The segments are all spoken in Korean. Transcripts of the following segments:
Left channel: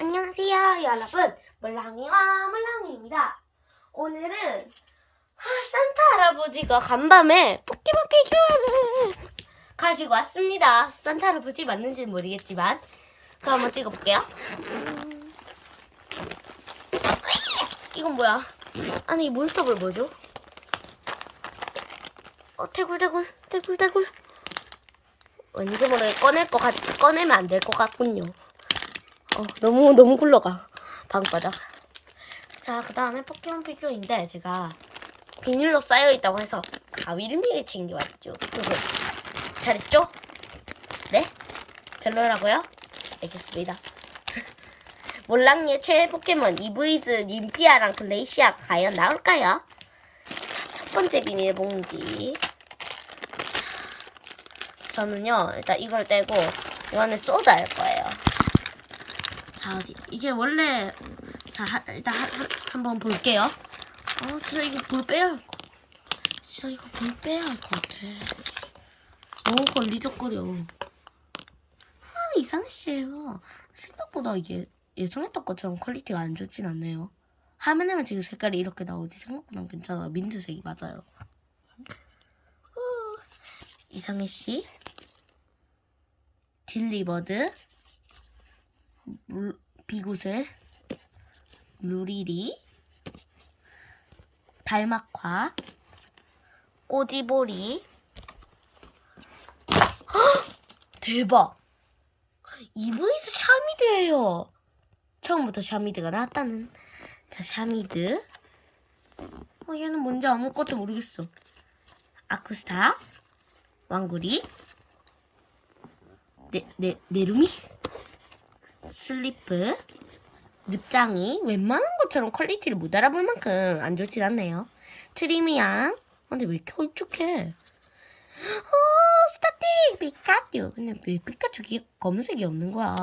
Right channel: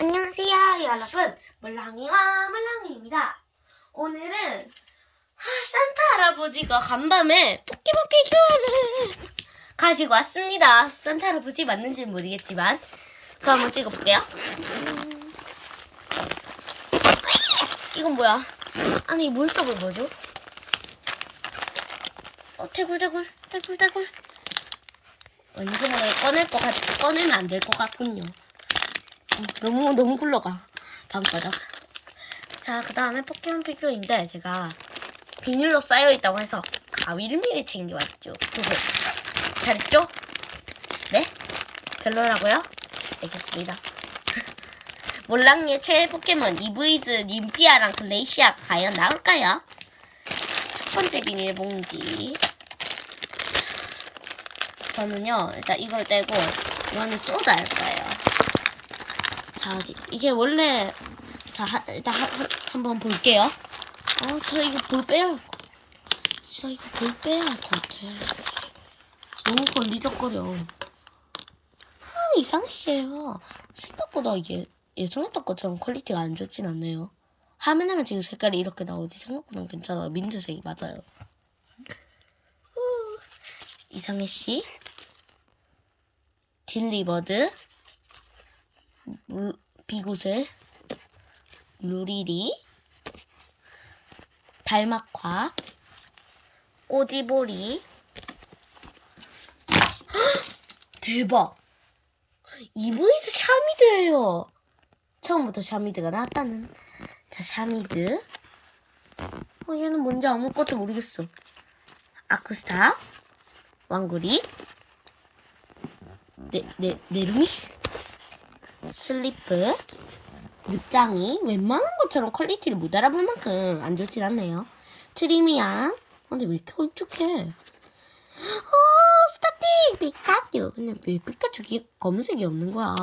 안녕하세요 여러분. 물랑이와 물랑이입니다. 오늘은 아, 산타 할아버지가 간밤에 포켓몬 피규어를 가지고 왔습니다. 산타 할아버지 맞는지 는 모르겠지만 그럼 한번 찍어볼게요. 음. 이건 뭐야? 아니 이 몬스터볼 뭐죠? 어 태굴태굴 태굴태굴. 왠지 모르게 꺼낼 것 같, 꺼내면 안 될 것 같군요 어, 너무 너무 굴러가 방바닥. 자, 그 다음에 포켓몬 피규어인데 제가 비닐로 쌓여 있다고 해서 가위를 미리 챙겨왔죠. 잘했죠? 네? 별로라고요? 알겠습니다. 몰랑이의 최애 포켓몬 이브이즈 님피아랑 글레이시아 과연 나올까요? 첫 번째 비닐 봉지. 저는요 일단 이걸 떼고 이 안에 쏟아 할 거예요. 자 어디 이게 원래 자 하, 일단 하, 하, 한번 볼게요. 아 진짜 이거 볼 빼야. 진짜 이거 볼 빼야 할 것 같아. 너무 걸리적거려. 아 이상하시에요. 생각보다 이게 예상했던 것처럼 퀄리티가 안 좋진 않네요. 화면에만 지금 색깔이 이렇게 나오지 생각보다 괜찮아요. 민트색이 맞아요. 후. 이상해 씨, 딜리버드, 물, 비구슬, 루리리, 달막화, 꼬지보리. 헉! 대박! 이브이스 샤미드예요. 처음부터 샤미드가 나왔다는. 자, 샤미드. 어, 얘는 뭔지 아무것도 모르겠어. 아크스타, 왕구리, 네, 네, 네루미? 슬리프, 늪장이 웬만한 것처럼 퀄리티를 못 알아볼 만큼 안 좋진 않네요. 트리미양. 근데 왜 이렇게 홀쭉해? 오, 스타틱! 피카츄! 근데 왜 피카츄 귀에 검은색이 없는 거야?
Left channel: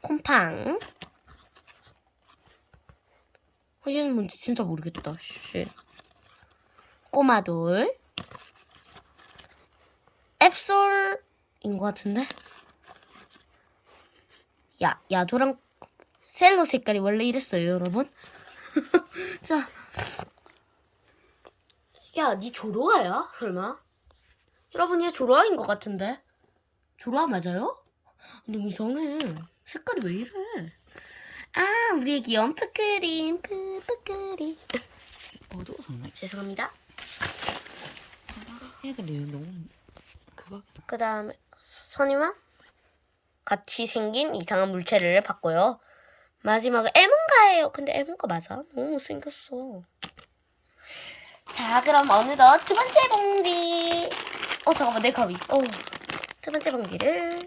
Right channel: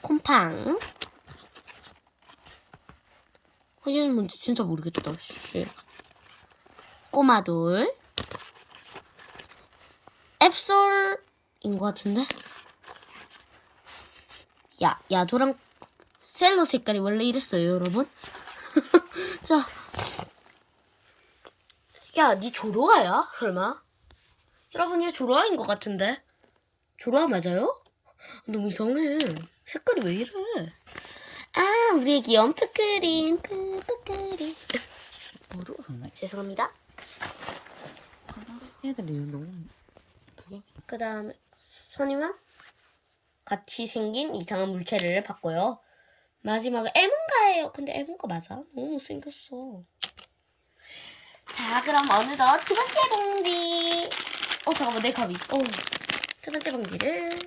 콤팡. 어, 얘는 뭔지 진짜 모르겠다. 씨. 꼬마돌. 앱솔인 것 같은데? 야, 야도랑 셀러 색깔이 원래 이랬어요, 여러분. 자. 야, 니 조로아야? 설마? 여러분, 얘 조로아인 것 같은데? 조로아 맞아요? 너무 이상해. 색깔이 왜 이래? 아, 우리의 귀여운 푸크림, 푸, 푸크림. 어두워서 나 죄송합니다. 애들이 너무 그거 그 다음에 선이만 같이 생긴 이상한 물체를 봤고요. 마지막은 에문가예요. 근데 에문가 맞아? 너무 못생겼어. 자, 그럼 어느덧 두 번째 봉지. 어, 잠깐만, 내 가위. 어, 두 번째 봉지를.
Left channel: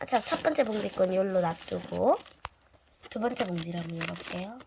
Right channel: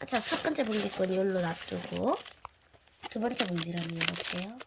아, 자, 첫 번째 봉지 건 이걸로 놔두고 두 번째 봉지를 한번 열어볼게요.